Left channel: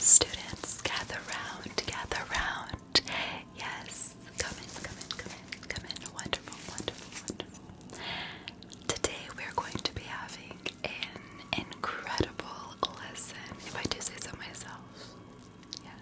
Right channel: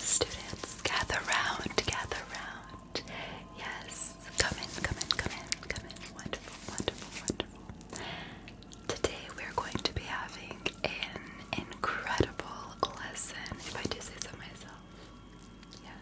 students, gather round, gather round. Yes, come in, come in, come in, come in. Wonderful, wonderful, wonderful. Today we're going to be having an incredible lesson, if I do say so myself. Yes.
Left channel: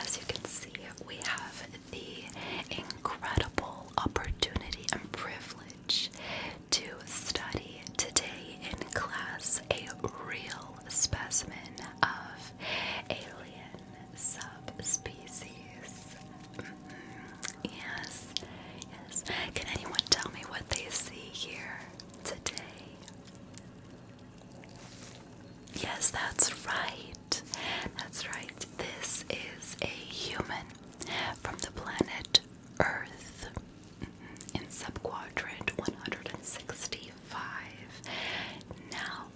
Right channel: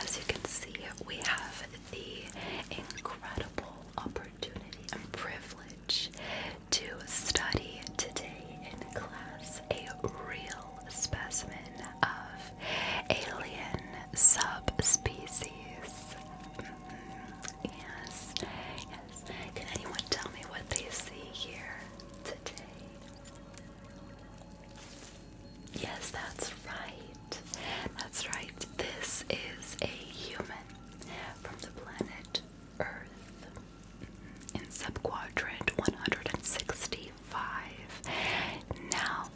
As you can see, we have the incredible opportunity and privilege to study today in class a real specimen of alien subspecies. Yes, yes. Can anyone tell me what they see here today? Yes, that's right. That's right. This is a human from the planet Earth in subquadrant 165. Now,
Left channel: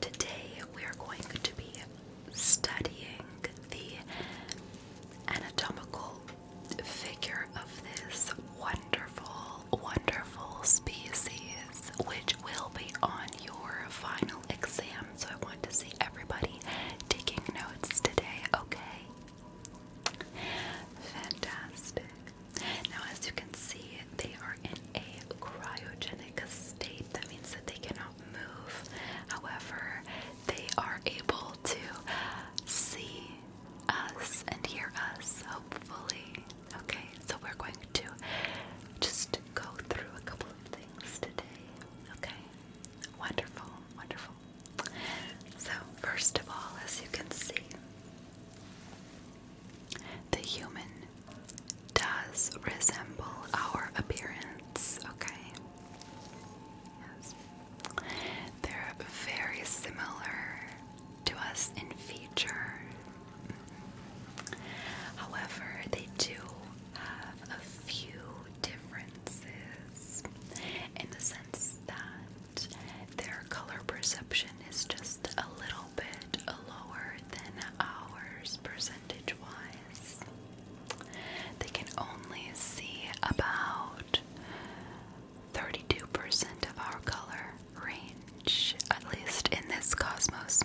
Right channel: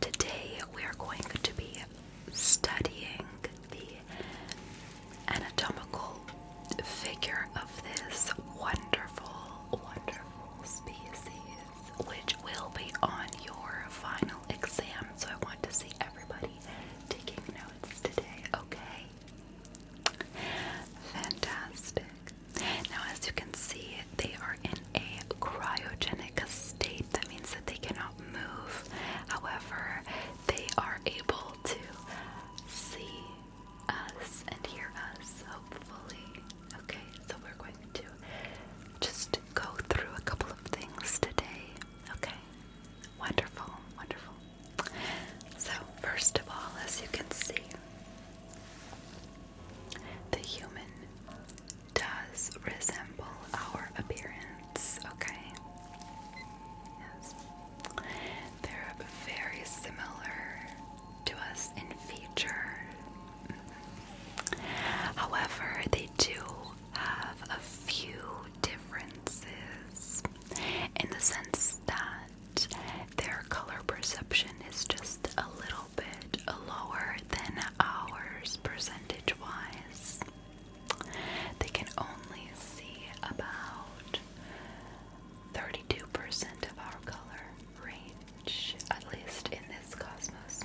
today we are going to be studying the anatomical figure of this wonderful, wonderful species, which will be on your final exam. So I want to see everybody taking notes today, okay? Fantastic. Now, as you can see, they are in a cryogenic state. That means that they cannot move. However, they are able to see us and hear us, hopefully. Okay, so we're going to just go through a couple of things today. Okay, wonderful, wonderful. So, first of all, as you can see, the human does resemble our appearance, okay? Yes. They're very similar to us in feature. However, they do have a few differences in the sense that their color perception is just a little bit lower than ours percentage-wise. They can only see about 32% of our color range, at least in this cosmos.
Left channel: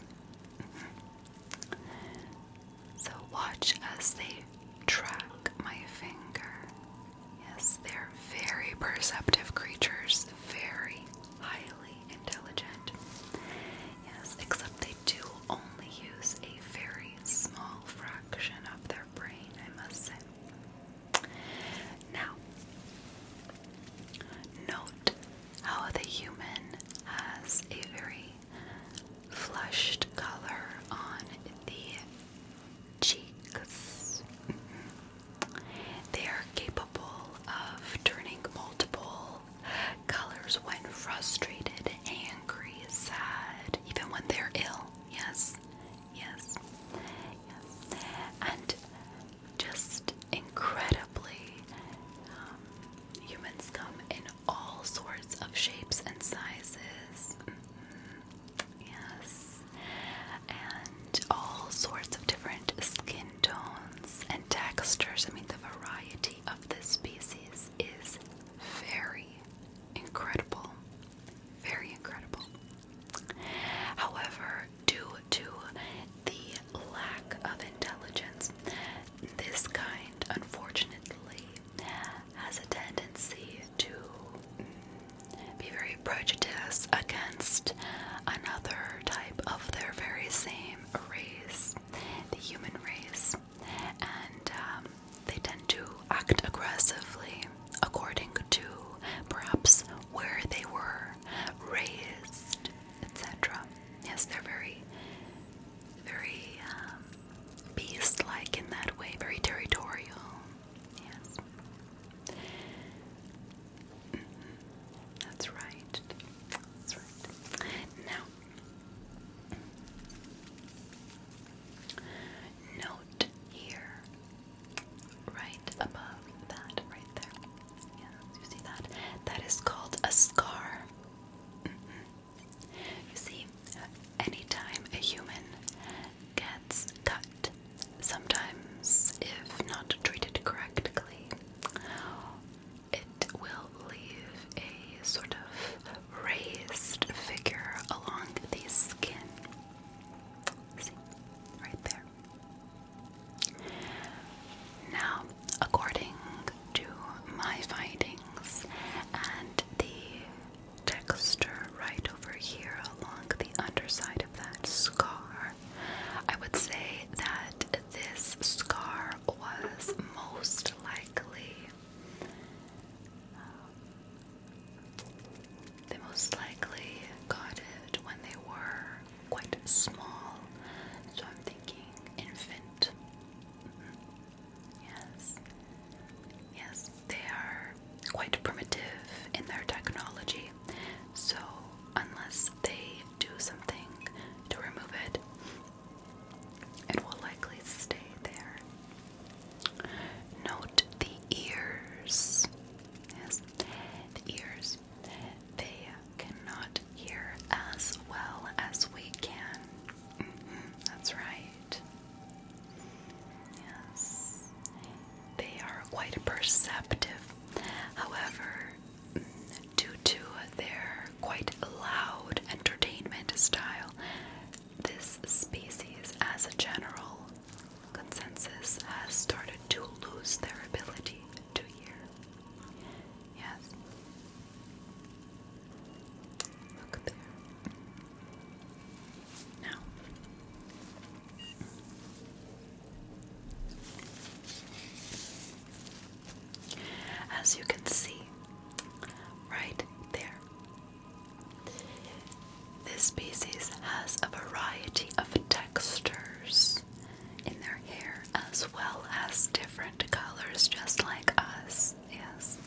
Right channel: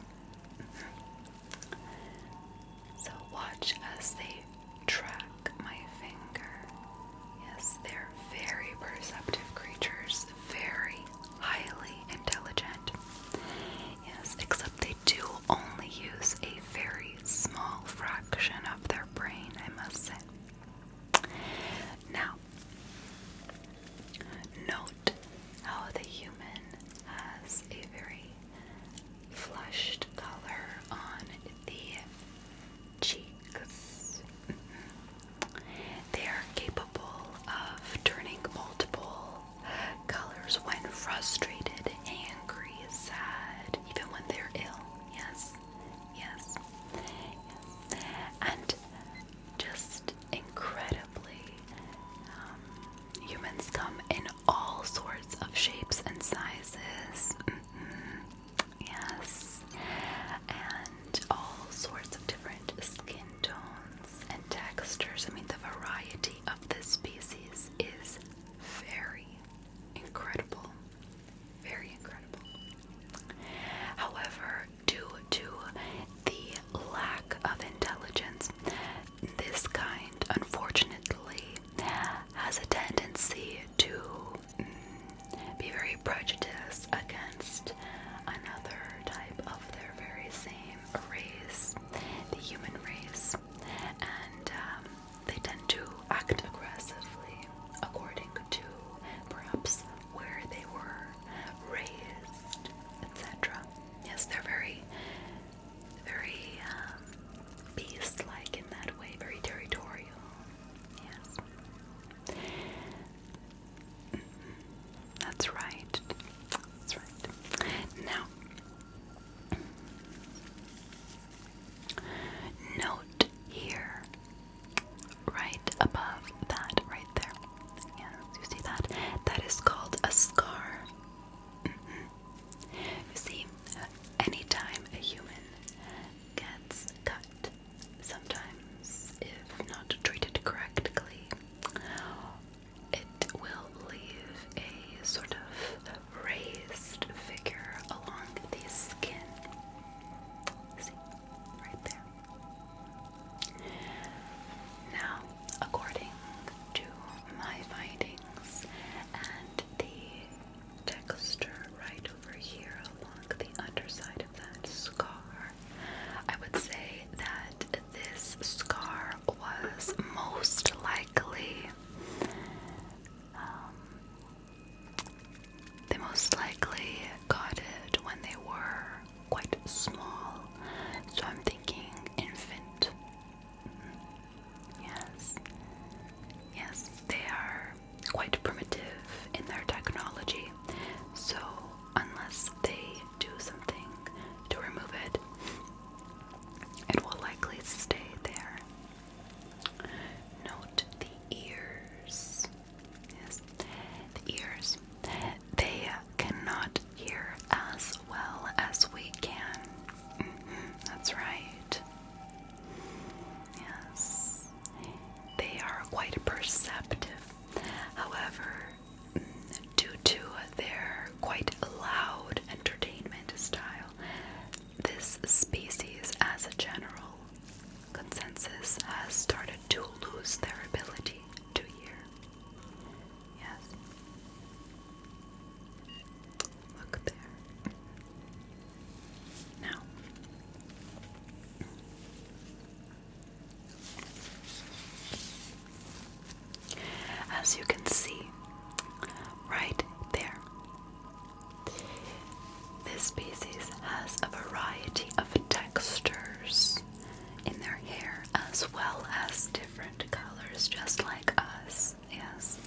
creatures just like us, yes.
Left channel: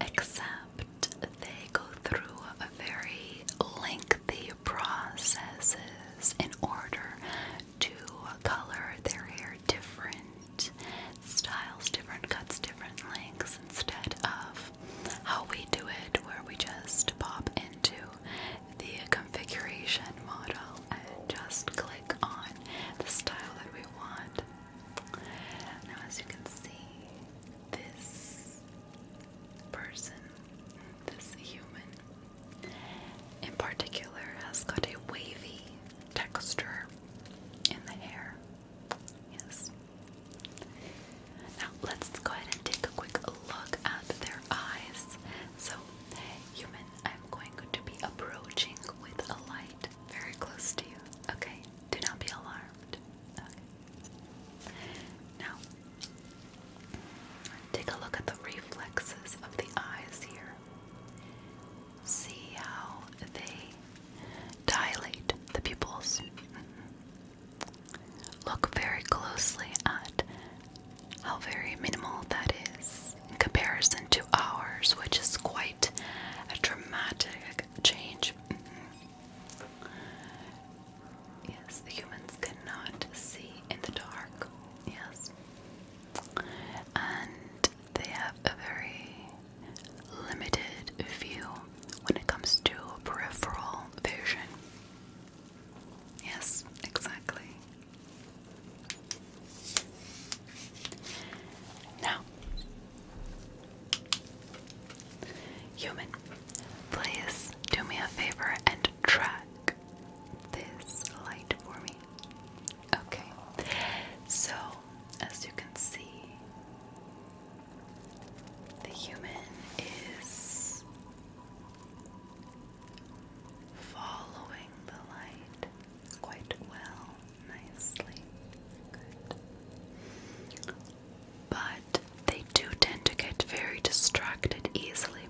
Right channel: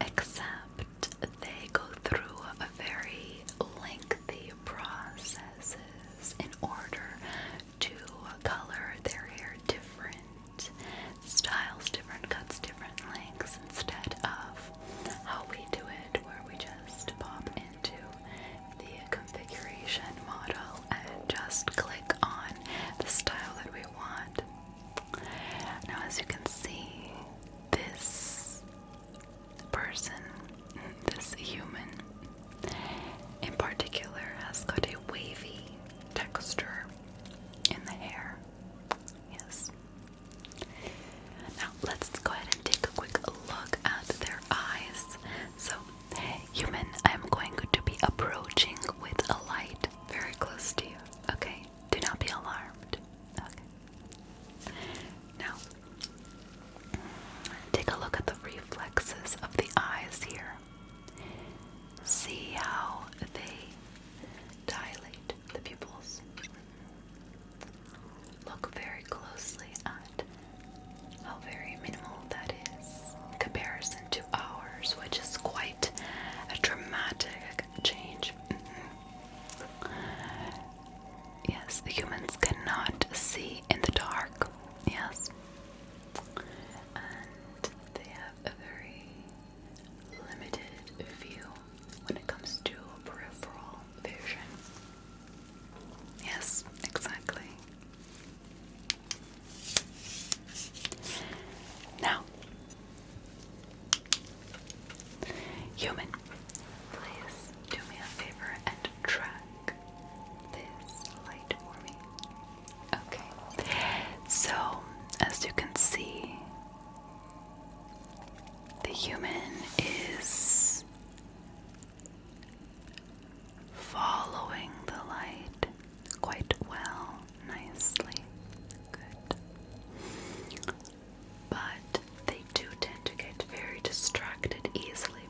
Except they go through a very lengthy processes in order to color their hair different styles, different cuts, different lengths, instead of how we do it, where we just pop into the configuration model and just click on the style that we want. Now, as you can see, this person, this human in particular, has got a wavy texture in the hair. Yes. Now, let's go ahead and take a quick look at their eyes. So, human, I'm going to be approaching with a light very close to you. Okay? Do not be alarmed. Okay. Now, take a look at the reflexes of the eyes here. See how they dilate the pupils. Look very closely at how very minimal that is in comparison to ours, which is quite a dramatic change. Yes, humans cannot see in the dark. Yes. And they have a very limited view when it comes to peripheral vision. Yes, exactly. Now, human, please do me a favor and track this light for me. Okay, so as you can see, the human is following the light quite well, nicely. Good. But they do tend to get very distracted easily.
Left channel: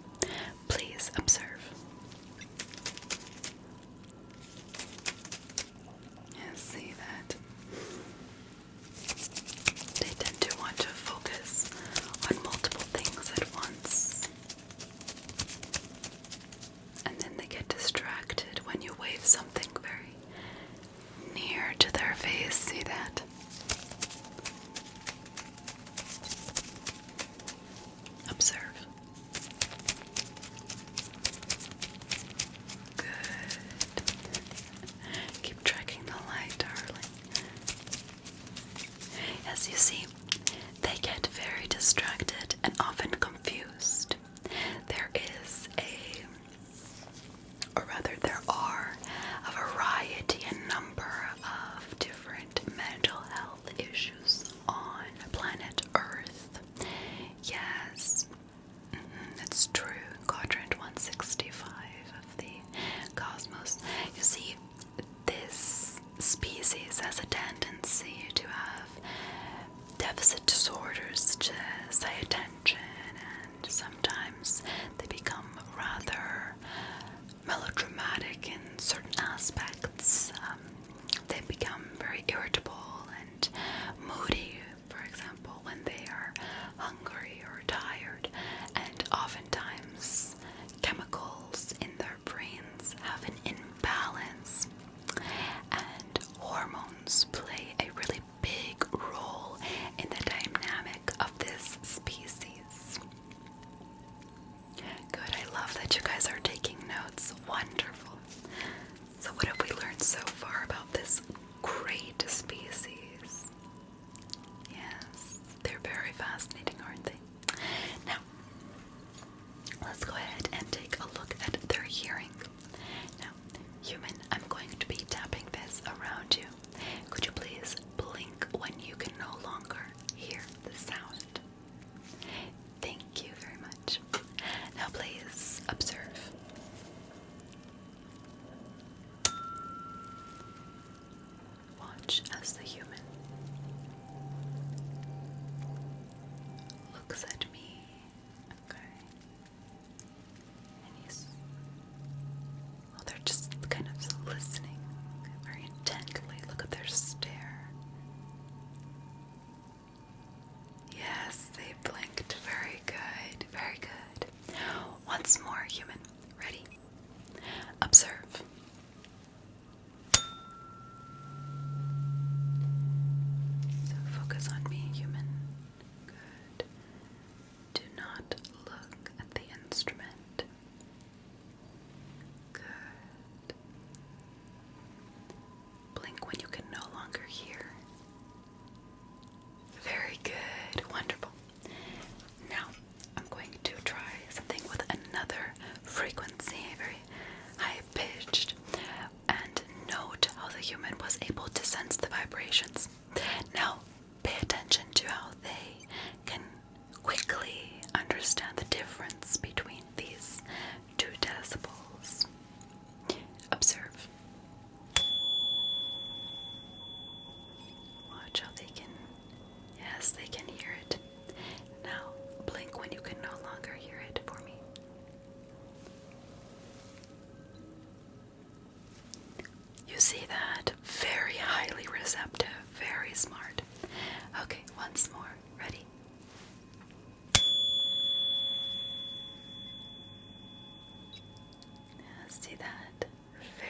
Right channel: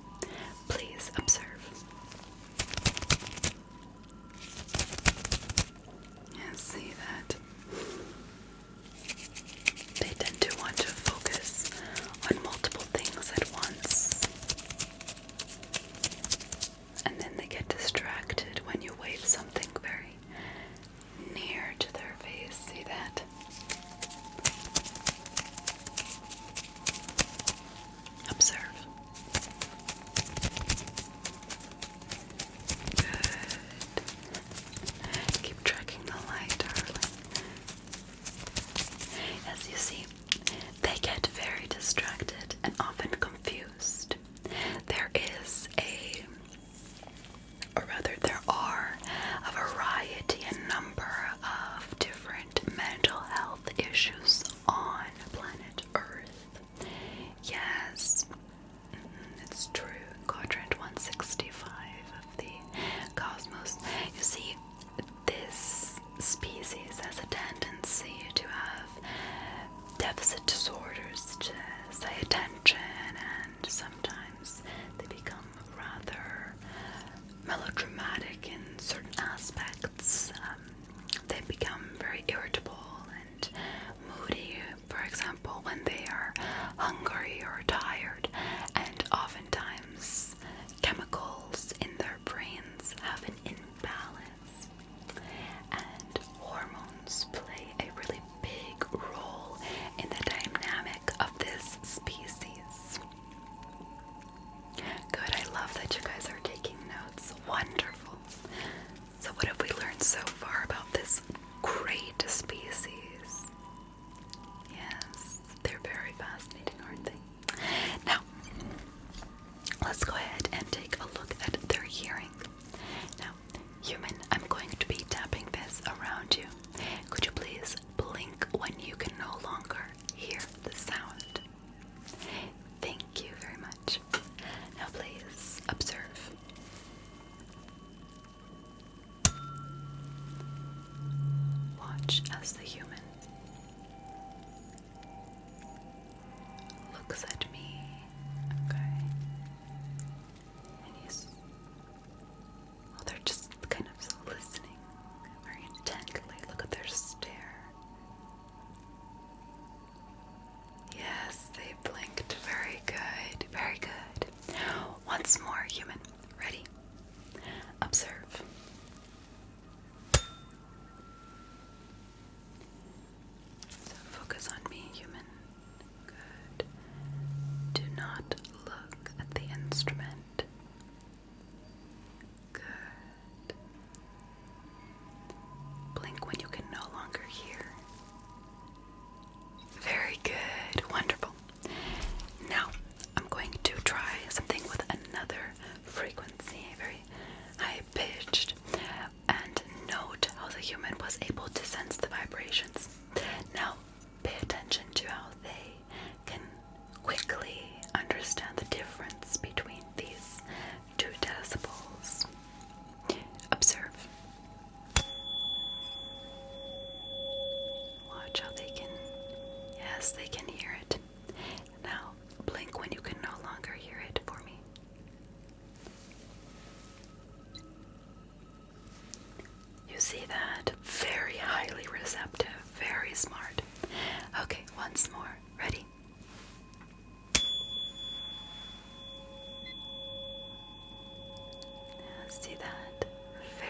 Please observe. And see that they tend to want to focus on multiple things at once. And then they get distracted when you wave something very near to their face. See that? Observe. Good. Keep tracking the light, darling. As you see, they get very distracted and often confused. There is there are a variety and number of different mental health issues on planet Earth. Yes, it's true. Quadrant 165 of the cosmos. You see, this species has a tendency to have deficit disorders, to say attention, and sometimes they become rather melodramatic in certain aspects. They become very irritable and moody, for example, when they are hungry or tired, and oftentimes chemicals in their brains have an imbalance, and hormones play a really big role in the dynamic of this species. Good, I love that you guys are taking notes. Wonderful. So what have we learned so far about this great species? Yes, they're very fascinating, aren't they? Now, let's go ahead and take a look at their hearing. Now, human, I'm going to be tapping this around you. Could you please blink when you can no longer hear the sound? Thank you very much. Now please observe. Watch as the human looks at me. Okay. They're just kind of listening very intently. Look at their stare. Yes. sense the vibrations. Now, pay attention to how they can quickly understand the difference between these 2 decibels. Observe. Watch how they can, yes, they can hear it. Now, blink when you can no longer hear it for me. You see that? Very highly receptive, very smart. Okay, once more. Ready? See that?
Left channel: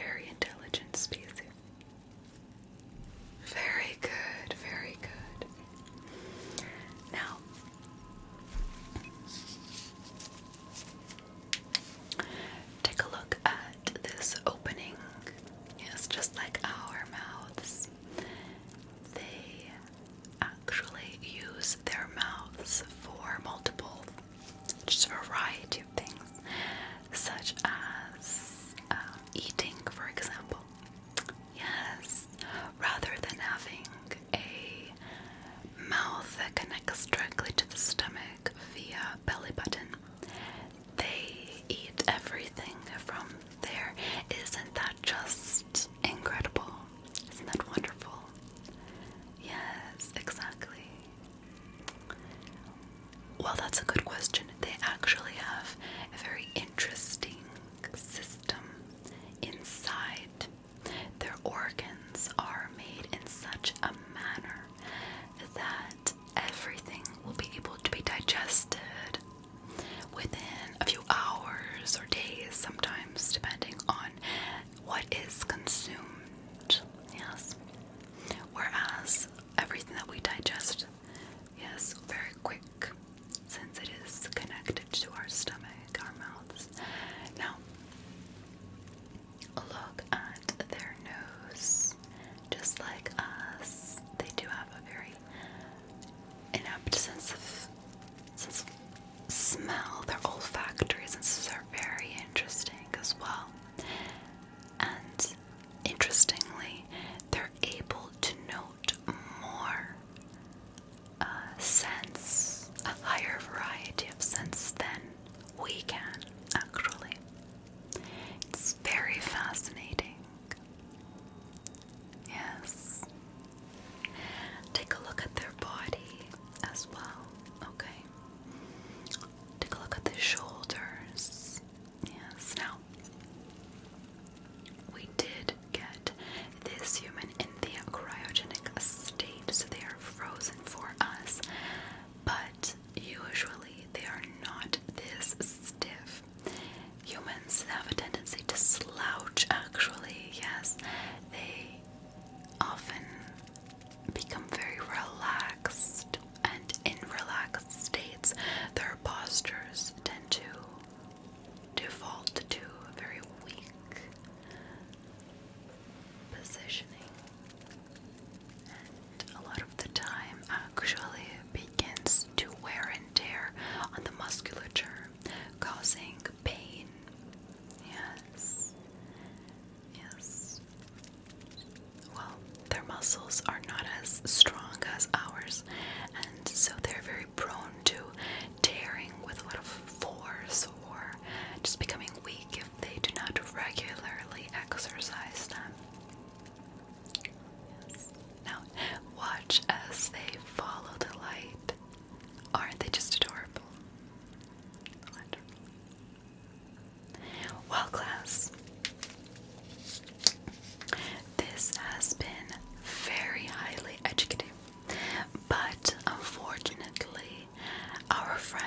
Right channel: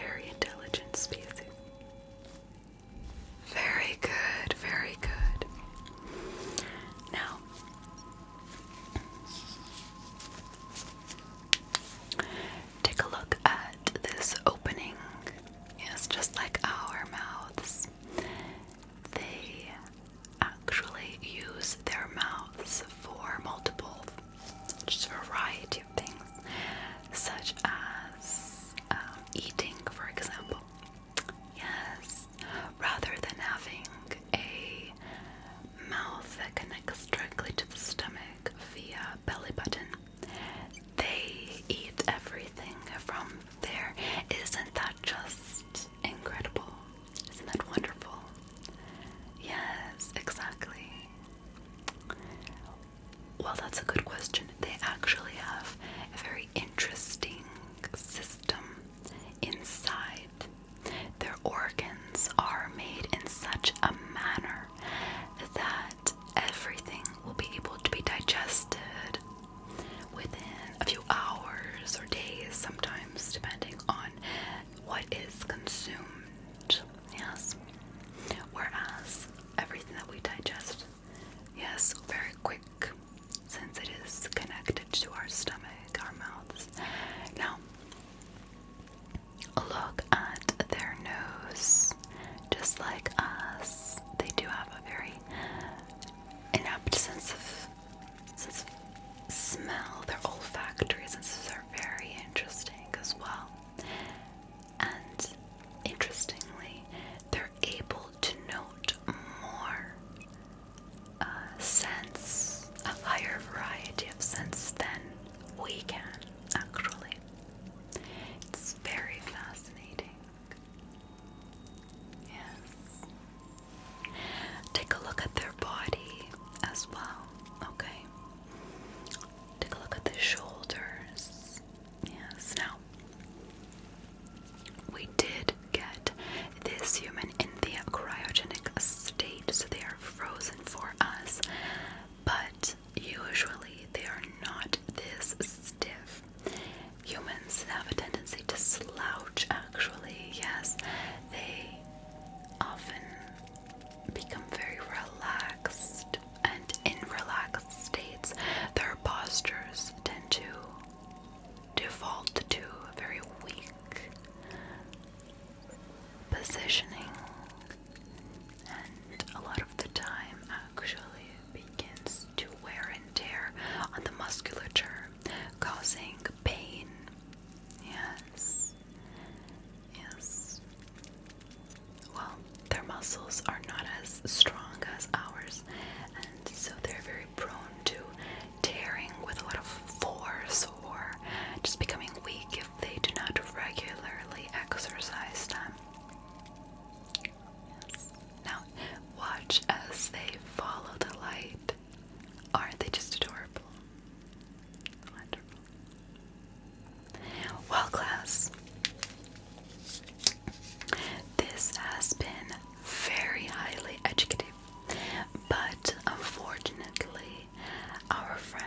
Very intelligent species. Very good, very good. Now, take a look at this opening. Yes, just like our mouths. They actually use their mouths for multiple, just a variety of things, such as eating, for example. Yes, rather than having a mouth that connects directly to the stomach via belly button, they eat everything from there. Isn't that just incredible? Isn't that wonderful? Yes, exactly. Well, that's a good question. They actually have a very interesting system inside. Their organs are made in such a manner that everything will be able to be digested within a few hours or days, sometimes, depending on what is consumed. Yes. Whereas everything that we digest, yes, very quick, since it is connected to our stomach, our mouths. Now, look at their nose. Just like us, they do have a very inept sense of smell. Their olfactory senses are very interesting as well. And interestingly, they're able to note more scents, a higher variety of scents than we can, actually. It's very fascinating. Yes. Take a look at their body as well, okay? Take a look at the shoulders. Yes, now, we did get this human in the cryogenic state, so they are frozen for us, but usually they are not this stiff. Humans have a tendency to slouch, actually, yes. They often become very relaxed, and in relaxed states, their postures tend to default to a very weak positioning, and a lot of the time actually begins to wear and tear on the musculature, causing pain. Yes. Yes. Well, their muscles are not as strong as ours, and so they're very prone to tearing with a lot of force or just becoming weak if they do not regularly exercise them. Now, watch as they follow the light. Aren't they just adorable? Wonderful. Well, class, this has been very highly educative, but unfortunately, our friend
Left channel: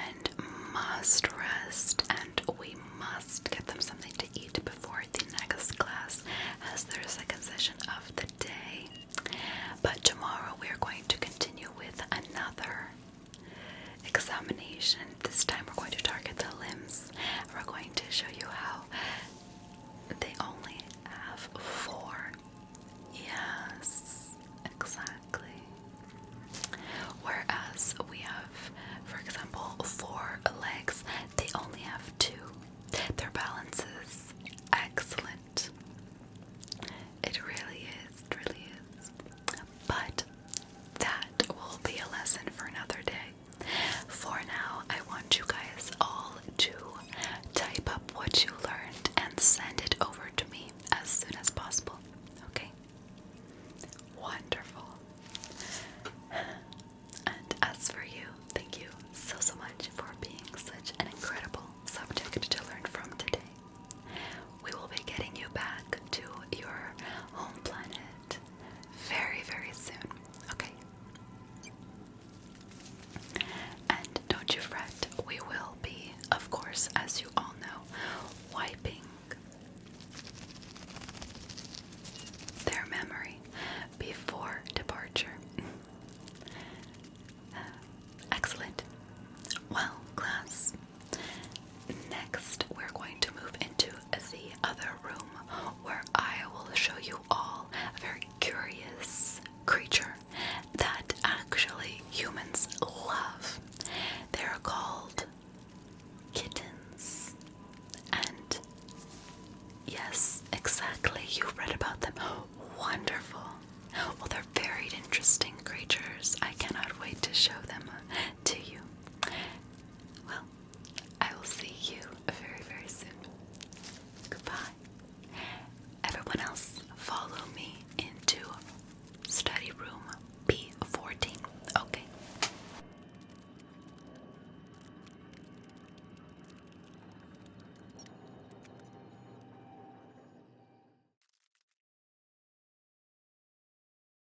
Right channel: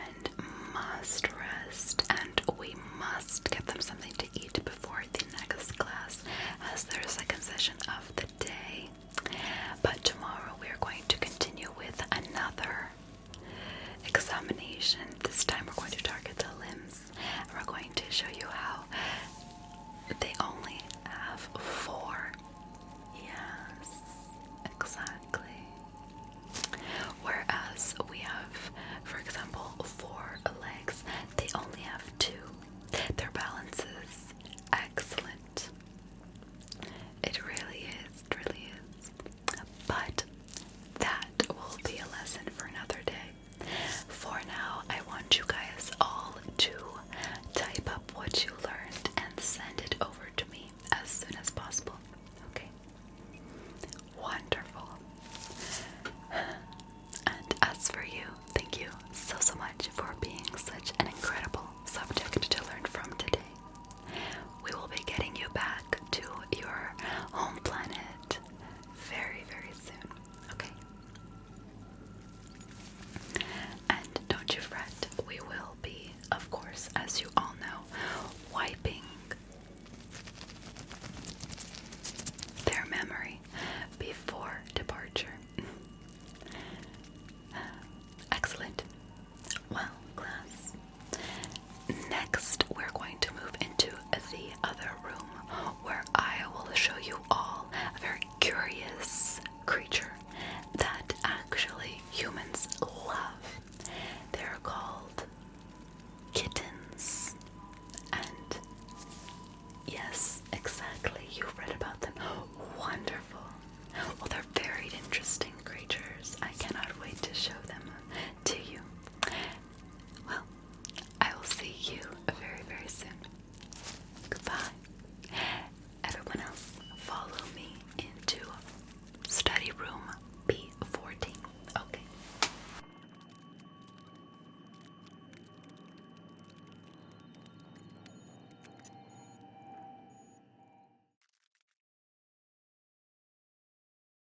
Wonderful. Well, they're very interesting creatures. I cannot wait to show them to